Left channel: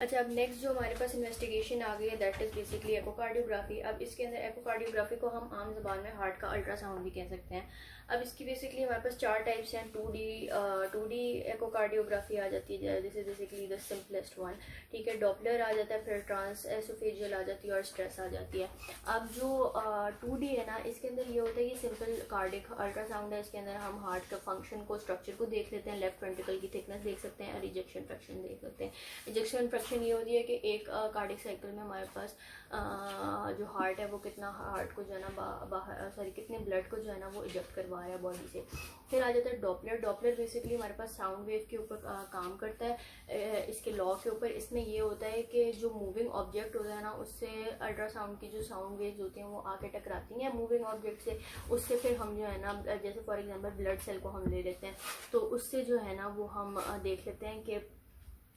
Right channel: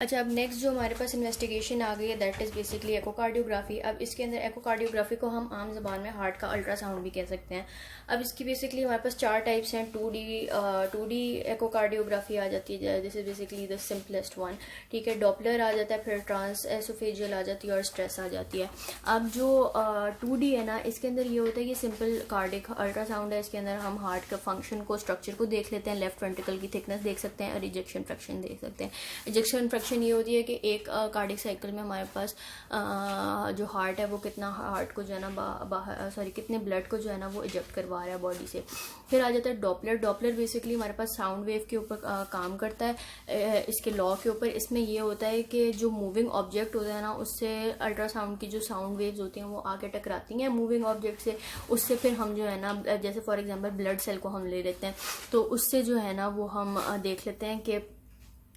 अच्छा, अब नेक्स्ट जो हमारे पास इन्वेस्टिगेशन आ गई है दैट इज़ बेसिकली एकोकार्डियोग्राफी। अब इसके अंदर एकोकार्डियोग्राफी को हम आम ज़बान में हार्ट का अल्ट्रासाउंड भी कह सकते हैं। अब इसकी बेसिकली हमारे पास चार टाइप्स हैं। टू डी एकोकार्डियोग्राफी आ जाती है, this is basically the simplest one. ठीक है, डॉपलर आ जाता है, फिर ट्रांस एसोफेजियल आ जाती है और स्ट्रेस आ जाती है। अब जो 2D है ना, इसके अंदर ये होता है कि सिंपल कार्डिक अल्ट्रासाउंड है। इसके अंदर हम हार्ट का फंक्शन को, स्ट्रक्चर को देख लेते हैं, लेफ्ट वेंट्रिकल की थिकनेस देख सकते हैं और इजेक्शन फ्रैक्शन देख सकते हैं। इजेक्शन फ्रैक्शन ये होती है कि एक कार्डिक साइकिल में हमारे पास जो हार्ट है वो कितना हार्ट को जो है ना कितने ब्लड को जो है ना वो इजेक्ट करवा रहा है बॉडी से। फिर आ जाता है डॉपलर। डॉपलर बेसिकली हमारे पास साउंड वेव के ऊपर काम करता है, इसके लॉ के ऊपर। इसमें ये होता है कि जो मूविंग ऑब्जेक्ट होता है ना, उससे अल्ट्रासाउंड की जो साउंड वेव्स होती हैं वो आके टकराती हैं मूविंग ऑब्जेक्ट से। उससे फिर हम जो है ना, जैसे फॉर एग्जांपल ब्लड सेल को हम ले लेते हैं, तो उससे जो है ना वो हम देख लेते हैं कि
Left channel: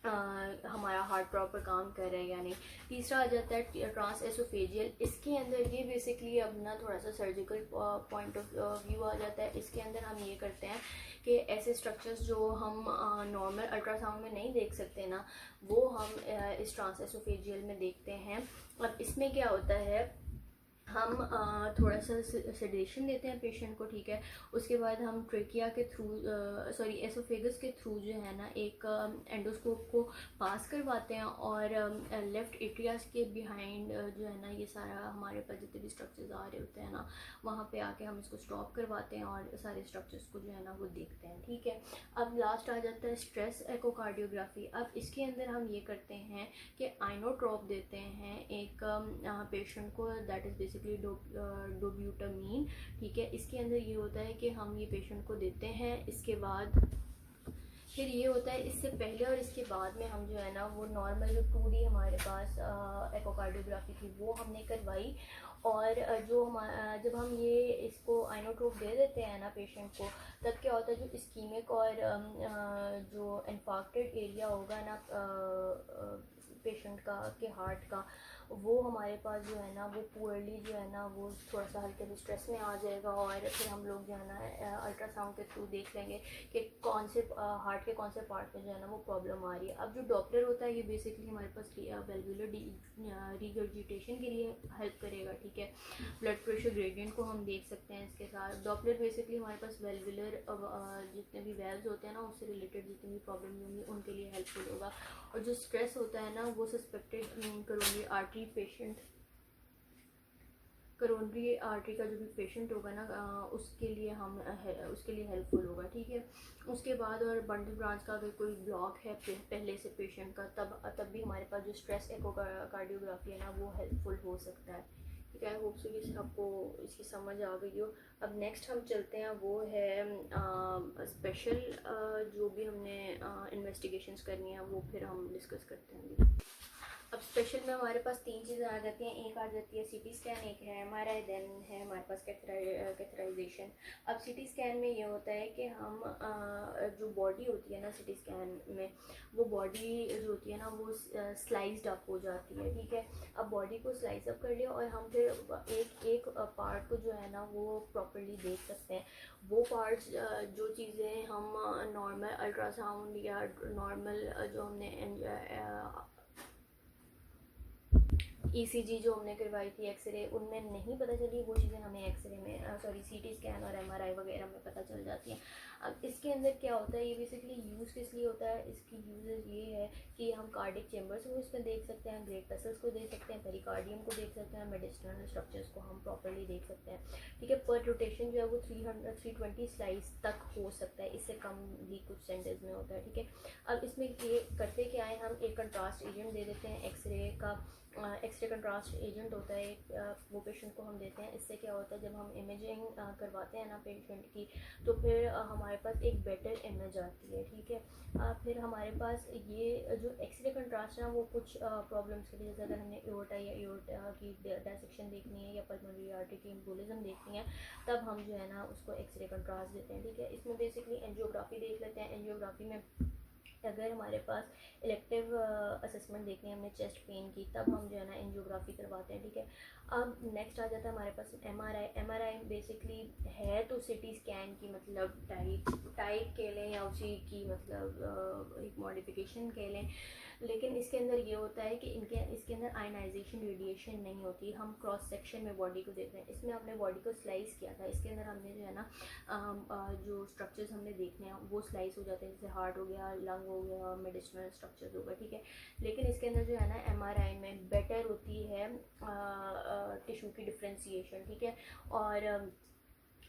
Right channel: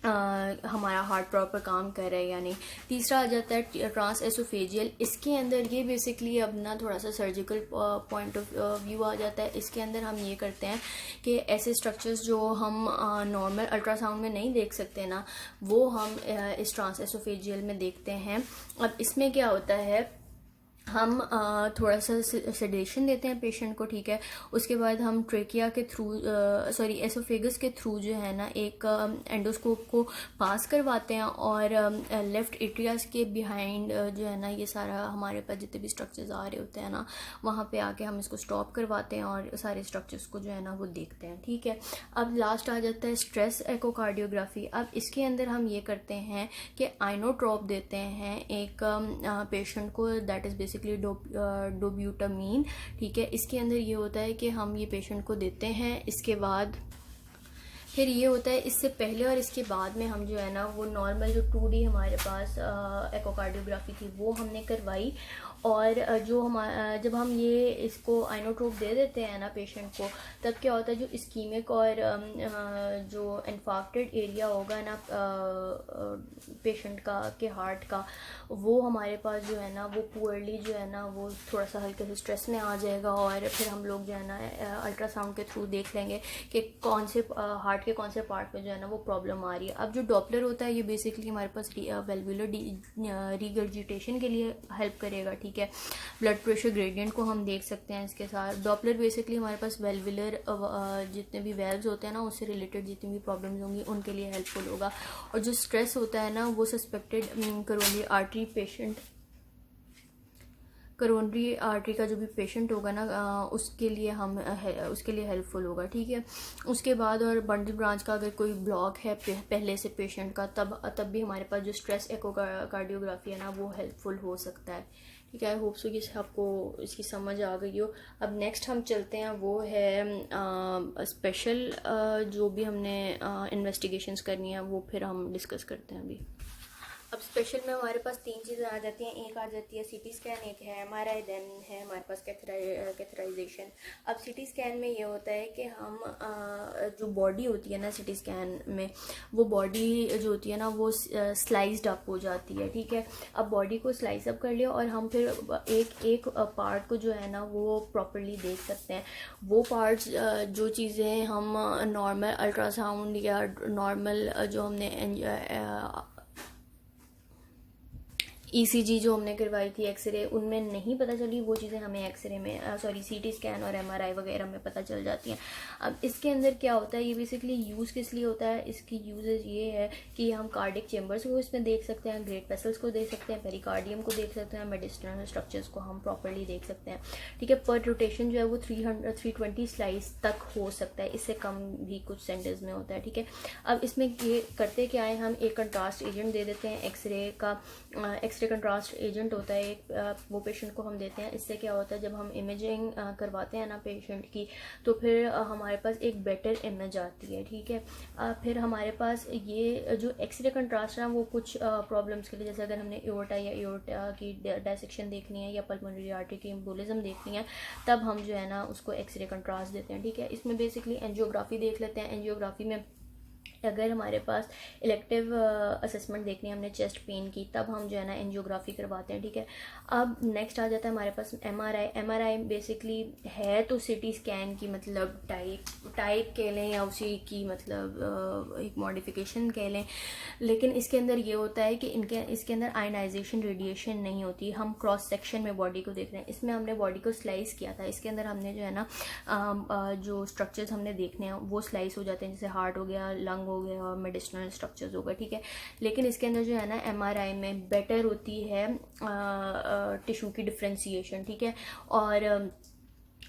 हमारा हार्ट प्रॉपर काम कर रहा है या नहीं। तीसरा आ जाता है ट्रांस एसोफेजियल। इसके अंदर ये बेसिकली अब ना थोड़ा सा सर्जिकल पॉइंट ऑफ व्यू आ जाता है। इसके अंदर हम ये करते हैं कि ऐसे स्ट्रक्चर्स जो हम नॉर्मल अल्ट्रासाउंड में नहीं देख सकते ना, वो हम इस ट्रांस एसोफेजियल में देखते हैं। अब इसमें क्या होता है, हम थोड़ा सा सेडेशन देते हैं पेशेंट को। ठीक है, उसके बाद हम ट्रेकिया के थ्रू एसोफेगस के थ्रू जो है ना एक एंडोस्कोप को पास करवाते हैं और लेफ्ट एट्रियास के बिहाइंड जो है ना ये सारा हमारे पास जितने भी स्ट्रक्चर्स आ रहे होते हैं ना, वहाँ पे आके हम इसको स्टॉप करवाते हैं और सारे स्ट्रक्चर्स को जो है ना वो देखते हैं। ठीक है, अब लास्ट आ जाता है स्ट्रेस एकोकार्डियोग्राफी। अब इसके अंदर हम ये करते हैं कि आइनोट्रोप देते हैं एक पेशेंट को, दैट इज़ बेसिकली डोब्यूटामीन। ठीक है, इसके अंदर ये होता है कि हम ये पेशेंट को देते हैं। इसके बाद फिर ये होता है, इससे पहले और इसके बाद में हम जो है ना वो नॉर्मल जो 2D हमारे पास एकोकार्डियोग्राफी थी वो हमने करवाई। और जो हमारा जब हम ये इसको आइनोट्रोप दे देते हैं ना पेशेंट को, तब क्या होता है, जो इस्कीमिक और जो इन्फाक्टेड एरिया होगा ना पेशेंट का के हार्ट का, वो हमारे पास जो है ना वो पुअरली जो है ना वो थोड़ा सा हल्के से स्ट्रेस में आ जाएगा। और फिर हम लोग जो है ना अल्ट्रासाउंड के थ्रू देख लेंगे कि कौन से हार्ट के कौन से पार्ट में जो है ना वो प्रॉब्लम आ रही है। अब जो डॉपलर होता है ये बेसिकली हमारे पास वेल्वुलर रिगर्जिटेशन के लिए हेल्प करेगा। ठीक है, ब्लड प्रेशर ग्रेडियंट को हम देख सकते हैं इसके साथ। डॉपलर बेसिकली हमारे पास वेल्वुलर जितने भी वेल्व्स होते हैं ना उससे रिलेटेड जितनी भी प्रॉब्लम्स होंगी उनके लिए हेल्पफुल होगा। और जो स्ट्रेस होता है ना वो सस्पेक्टेड करोनरी आर्टरी का जो भी पेशेंट होगा ना उसके लिए हेल्पफुल होगा। ठीक है, उसके बाद और बंडल ब्रांच का अगर कोई ब्लॉक है पहले से पेशेंट का, तब भी हमारे पास जो स्ट्रेस एकोकार्डियोग्राफी है ना वो हेल्पफुल हो सकता है। ठीक है, आई होप सो कि आपको इसकी समझ आ गई हो। अब नेक्स्ट हम चलते हैं, वो है स्पेशल जो भी हमने इन्वेस्टिगेशंस करनी है वो फिर हम डिस्कस करते हैं अभी। अब स्पेशल में हमारे पास तीन चीज़ें आ जाती हैं। एक आ जाती है सीटी स्कैन, एक है एमआरआई, देन है हमारे पास कैथराइजेशन। अब सीटी स्कैन में ये होता है कि हम जो बॉडी होती है ना सीटी स्कैन में, वो बॉडी जो होती है ना वो स्लाइस्ड अप हो जाती है। ठीक है, अब बॉडी को स्लाइस अप कर लिया और हम फिर एक एक पार्ट को जो है ना वो प्रॉपरली देख सकते हैं। वो पार्ट्स जो चीज़ें हम नॉर्मल अल्ट्रासाउंड या नॉर्मल जो हमने ईसीजी जो हमने करवाई थी, एक्सरे, उनमें नहीं पता चली, वो चीज़ें हमें एक्सरे में सीटी स्कैन और एमआरआई वगैरह में पता चल जाती हैं। अब इसके अंदर क्या होता है, ये बेसिकली यूज़ किस लिए होता है, इसकी यूजेज ये है कि हम कार्डिक चेम्बर्स को इसमें देख सकते हैं, ग्रेट वेसल्स को देख सकते हैं, पेरिकार्डियम को देख सकते हैं, मेडिस्टर्नल स्ट्रक्चर्स को हम प्रॉपरली देख सकते हैं। ठीक है, पर रोटेशन जो है वो 320 स्लाइस तक हो सकता है, इससे कम भी कुछ सेंटर्स में होता है। ठीक है, अब इसमें ये करते क्या है, हम एक कंट्रास्ट एजेंट दे देते हैं एक्सरे का। एक्सरे कंट्रास्ट एजेंट होता है एक, वो पेशेंट को हम देते हैं। इससे क्या होता है, जब हम इमेजिंग करवाते हैं ना पेशेंट की, तो फिर हमारे पास एक बेटर इमेज आती है। ठीक है, फिर हमारे पास ये जो एक्सरे कंट्रास्ट है वो कुछ प्रॉब्लम्स के लिए, जैसे अगर हमने एओर्टा या एओर्टा की डायसेक्शन देखनी है या पल्मोनरी आर्टरी की एम्बोलिज्म देखनी है, तब हम जो है ना उसको एक्सरे कंट्रास्ट देते हैं। ठीक है, इसमें बेसिकली एंजियोग्राफी देख लेते हैं। एंजियोग्राफी में अगर हमारे पास इलेक्टिव असेसमेंट देखनी है हमने चेस्ट पेन की, तब हम जो है ना एंजियोग्राफी करवाते हैं, ठीक है। अब नेक्स्ट आ जाता है हमारे पास एमआरआई बेसिकली है तो सिटी स्कैन की मतलब टाइप कह लें या उसी की मतलब एक मॉडिफिकेशन कह लें, लेकिन इसके अंदर ये होता है कि इसके अंदर आयनाइजेशन रेडिएशन नहीं होती। हम क्रॉस सेक्शन में बॉडी को देख रहे हैं, इसमें हमने बॉडी को स्लाइस किया था, इसके अंदर हमने जो है ना जो स्ट्रक्चर्स हमने देखने हैं वो स्लाइस हो जाते हैं, जैसे हार्ट हो गया, लंग हो गया और मेडिसिनल स्ट्रक्चर्स हो गए, ठीक है। लेकिन इसके अंदर जो है ना एमआरआई में बेटर होती है टिश्यू की डिफ्रेंसिएशन, ठीक है। और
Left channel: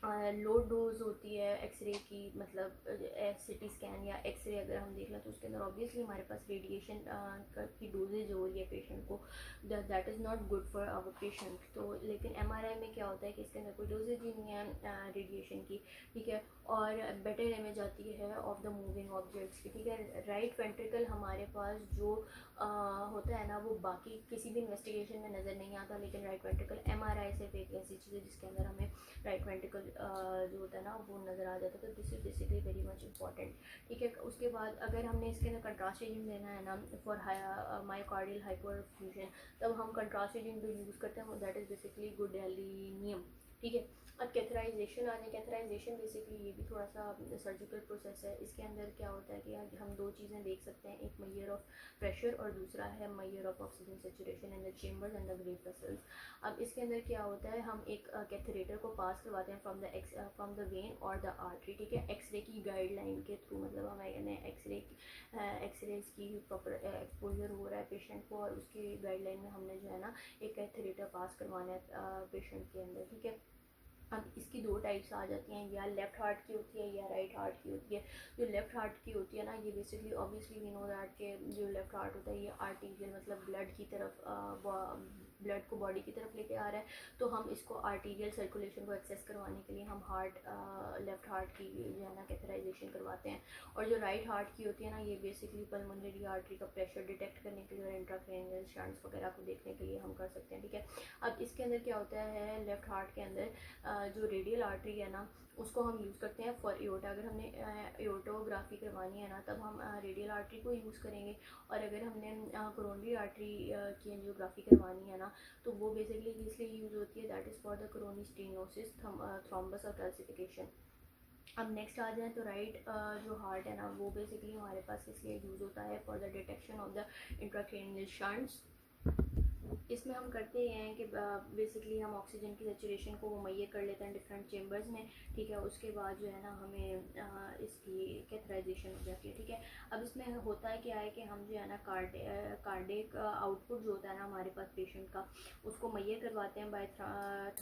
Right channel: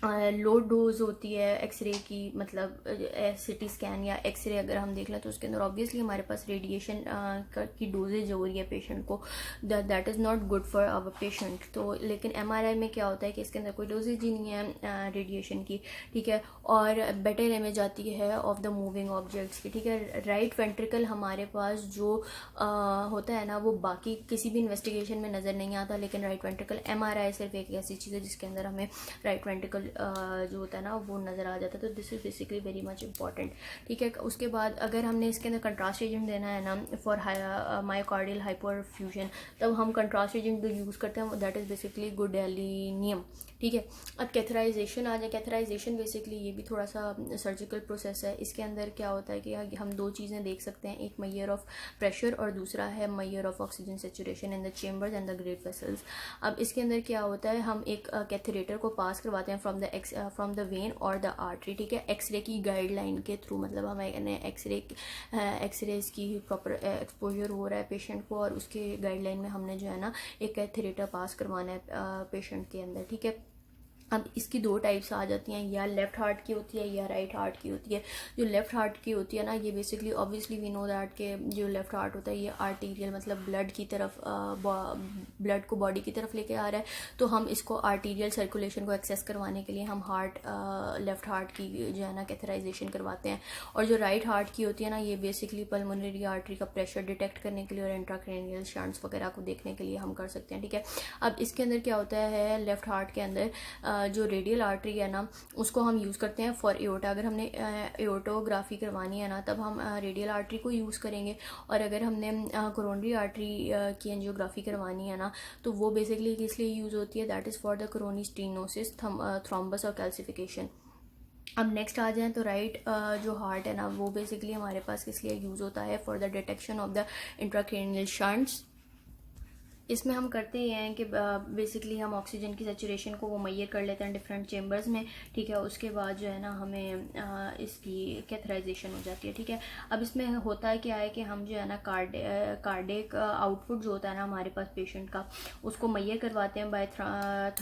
लो डोज होती है एक्सरे की, मतलब सिटी स्कैन या एक्सरे अगर हम देख लें तो उसके अंदर ऑब्वियसली हमारे पास रेडिएशन की डोजेज हो रही है पेशेंट को, that is not good for our patient. तो लेकिन एमआरआई में क्या होता है कि इसके अंदर कोई डोजेज ही नहीं है रेडिएशन की, ठीक है। और बेटर इमेज आती है ऑफ द मूविंग ऑब्जेक्ट्स की, ठीक है। राइट वेंट्रिकल हमारे पास जो होता है ना वो बाकी किसी भी इन्वेस्टिगेशन में नज़र नहीं आता, लेकिन राइट वेंट्रिकल एमआरआई सिर्फ एक ऐसी चीज़ है जिसके अंदर हमें राइट वेंट्रिकल जो होता है ना वो नज़र आ जाता है। तो this is basically very much important, ठीक है। उसके बाद अगर हमने इसके अंदर कंट्रास्ट एजेंट देना है ना फॉर मायोकार्डियल हाइपरफ्यूजन, तब हम कंट्रास्ट एजेंट जो यूज़ करते हैं दैट इज़ बेसिकली गुडेलिनियम, ठीक है। अब कैथराइजेशन आ जाए, कैथराइजेशन बेसिकली ये भी थोड़ा सा सर्जिकल प्रोसेस है। इसके अंदर क्या होता है कि हम दो चीज़ें देख सकते हैं, एक मेजर ऑफ प्रेशर और दूसरा है measure of oxygen saturation in the chambers and the great vessels. अब इसके अंदर क्या होता है, हम एक कैथेरेटर को पास करवाते हैं फ्रॉम द वेन और द आर्टरी, ठीक है, एक्सरे की गाइडलाइन के थ्रू, मतलब हमें एक्सरेज की प्रॉपर एक्सपोजर हो रहा है पेशेंट को और उसके गाइडलाइन में हमने जो है ना एक कैथेरेटर पास करवाना है पेशेंट के अंदर, ठीक है। अब इसकी दो टाइप्स आ जाती हैं, या लेफ़्ट हार्ट की होती है या राइट हार्ट की होती है। जो लेफ़्ट हार्ट की होती है ना ये basically obviously we know that के जो लेफ़्ट हार्ट होता है ये आर्टीरियल मतलब ब्लड की तरफ ब्लड को बॉडी की तरफ लेके आ रहा है, तो हम इसको आर्टीरियल सर्कुलेशन को एक्सेस करवाने के लिए हम लेफ़्ट हार्ट की जो है ना कैथराइजेशन करवाते हैं। और जो राइट हार्ट की होती है ना ये बेसिकली पल्मोनरी आर्टरी का प्रेशर डिटेक्ट करने के लिए और इंट्राक्रैनियल शंट्स वगैरह को देखने के लिए हम कर सकते हैं, ठीक है। अब इसके अंदर क्या होता है, लेफ़्ट हार्ट के अंदर जो रेडियल आर्टरी है ना उसको हम यूज़ करते हैं फॉर एओर्टा। अगर हमने एओर्टोग्राफी करवानी है ना तब हम रेडियल आर्टरी को यूज़ करेंगे, और अगर हमने कोरोनरी आर्टरी की एंजियोग्राफी करवानी है ना तो वो बेसिकली किस लिए यूज़ होती है, that is for the coronary stenosis, thrombus और कैल्सिफिकेशन। अब नेक्स्ट आ जाएँ तो राइट जो हार्ट है ना वो बेसिकली हमारे पास किस लिए यूज़ होता है, for the detection of the intracranial shunts. इसमें हम करते ही हैं कि बेसिकली हम ऑक्सीजन की सैचुरेशन को वो मैयर कर लेते हैं डिफरेंट चेम्बर्स में, ठीक है। उसके बाद जो है ना हमें इसकी कैथराइजेशन हो जाती है, ठीक है। अब इसमें होता है क्या है कि हम जो है ना कार्डिक आउटपुट जो होता है ना हमारे पास पेशेंट का उसको मैयर करवाते हैं बाय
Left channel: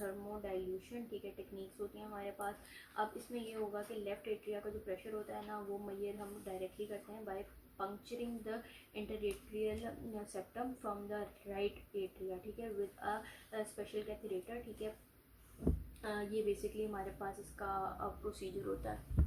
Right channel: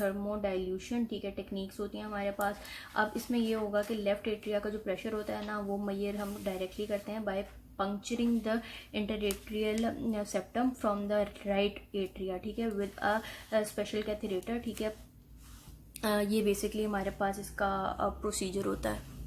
थर्मोडाइल्यूशन, ठीक है, टेक्निक्स होती हैं हमारे पास। अब इसमें ये होगा कि लेफ्ट एट्रिया का जो प्रेशर होता है ना वो मैयर हम डायरेक्टली करते हैं bye puncturing the interatrial septum from the right atria, ठीक है, with a special catheter, ठीक है। ये बेसिकली हमारे पास इसका प्रोसीजर होता है।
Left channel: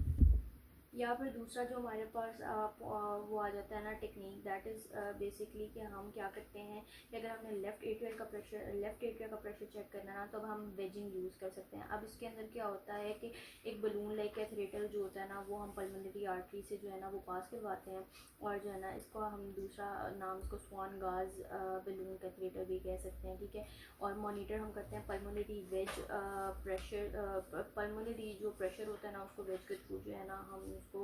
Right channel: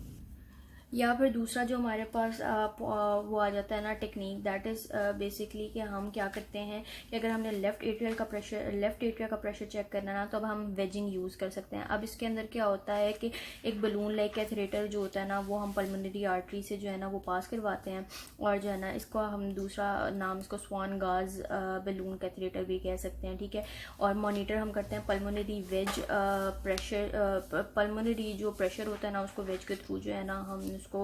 या फिर दूसरा जो हमारे पास वो आ जाता है ना टेक्निक, दैट इज़ बेसिकली कि हम क्या करते हैं कि अगर हमने लेफ़्ट एट्रिया का प्रेशर चेक करना ना तो अब हम वेजिंग यूज़ कर सकते हैं। अब इसके अंदर क्या होता है कि एक बलून लाइक कैथेरेटर जो होता है ना वो हम पल्मोनरी आर्टरी से जो है ना वो पास करवाते हैं, और जो है ना इसको हम दूसरा नाम इसको स्वान गाज बलून कैथेरेटर भी कह सकते हैं, ठीक है। और मॉनिटर हम करते हैं पल्मोनरी वेज प्रेशर, पल्मोनरी जो प्रेशर होता है ना उसको वेज के थ्रू जो है ना हम उसको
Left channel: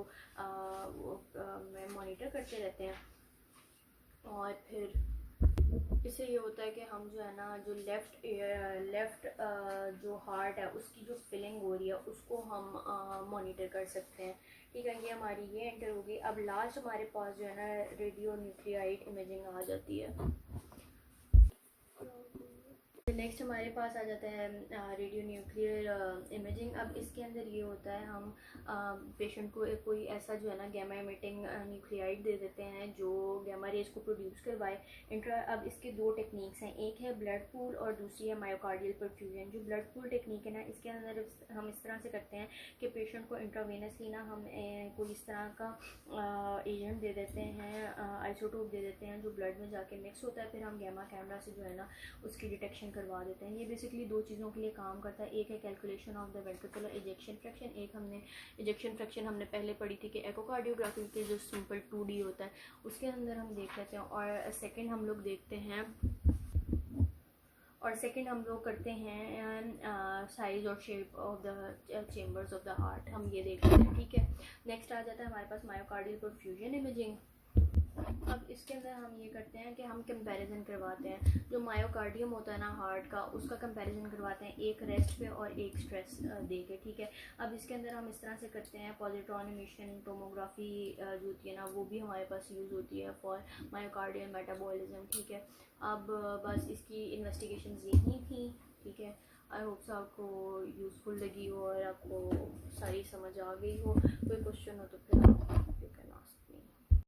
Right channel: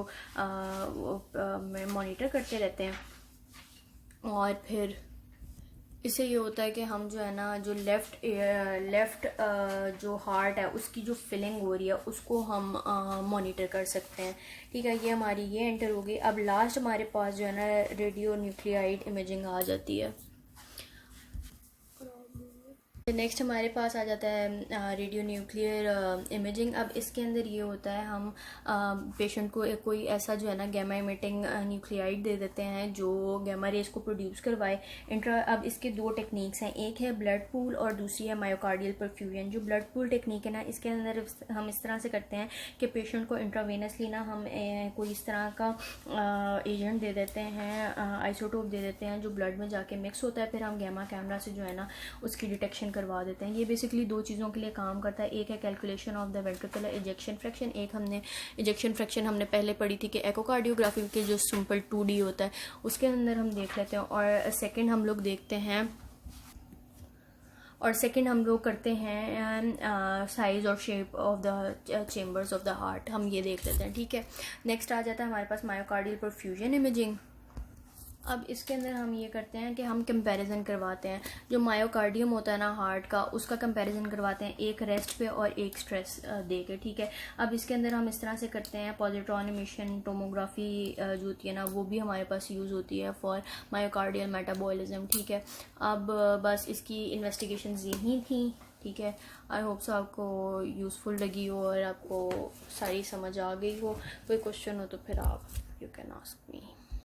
मॉनिटर करते रहते हैं। और फिर इससे ये होता है कि हम जो है ना जो लेफ़्ट जो हार्ट है उसकी जो फिलिंग हो रही है उसको हम मॉनिटर कर सकते हैं, ठीक है। ये हमारी ये एंटर होगी। अब लास्ट हमारे पास जो है ना रेडियो न्यूक्लियाइड इमेजिंग आ जाती है। नेक्स्ट हमारे पास आ जाता है रेडियो न्यूक्लियर इमेजिंग। अब इसके अंदर ये होता है हम पेशेंट को कोई ऐसा जो है ना गैमा इमिटिंग न्यूक्लियाइड दे देते हैं जो गैमा रेज को प्रोड्यूस करवाए अब इसके दो टेक्निक्स हैं, एक है ब्लड पूल और दूसरी है मायोकार्डियल परफ्यूजन। जो ब्लड पूल टेक्निक है ना इसके अंदर हम इस तरह से करते हैं कि पेशेंट को इंट्रावेनसली ना हम कोई इस तरह का एजेंट दे देते हैं, आइसोटोप दे देते हैं जो ब्लड में जाके मिक्स होता है, फिर हम गैमा कैमरा से जो है ना उसकी डिटेक्शन करवा देते हैं। ये बेसिकली दो चीज़ों के लिए काम करता है, एक है calculation of the ventricular ejection fraction, एक हमने इजेक्शन फ्रैक्शन हमने पहले पढ़ी थी कि एकोकार्डियोग्राफी के जो सिंपल 2D होता है उसके अंदर हम देख लेते हैं। और सेकेंड हम लोग देखते हैं हम लोग करते हैं साइज़ और shape of the chambers of the heart, हम ये देख लेते हैं, ठीक है। नेक्स्ट आ जाता है हमारे पास मायोकार्डियल परफ्यूजन इमेजिंग। अब इसके अंदर हम ये करते हैं कि हम कंपैरिजन करवाते हैं, जो मायोकार्डियम होता है ना हार्ट का, उसका कंपैरिजन करवाते हैं एक रेस्ट पे और एक स्ट्रेस दे के, ठीक है। अब इसके अंदर हम इस तरह से करते हैं, पॉजिट्रॉन इमिशन टोमोग्राफी जो होती है ना वो भी हमारे पास यूज़ होती है फॉर मायोकार्डियल मेटाबॉलिज्म, ठीक है। अब बस इसकी इन्वेस्टिगेशंस यही थी, ठीक है। आई होप सो आपको यूज़फुल लगी हो और आपको सारी समझ आ गई हो। कोई क्वेश्चन हो तो फिर आप यू कैन आस्क मी।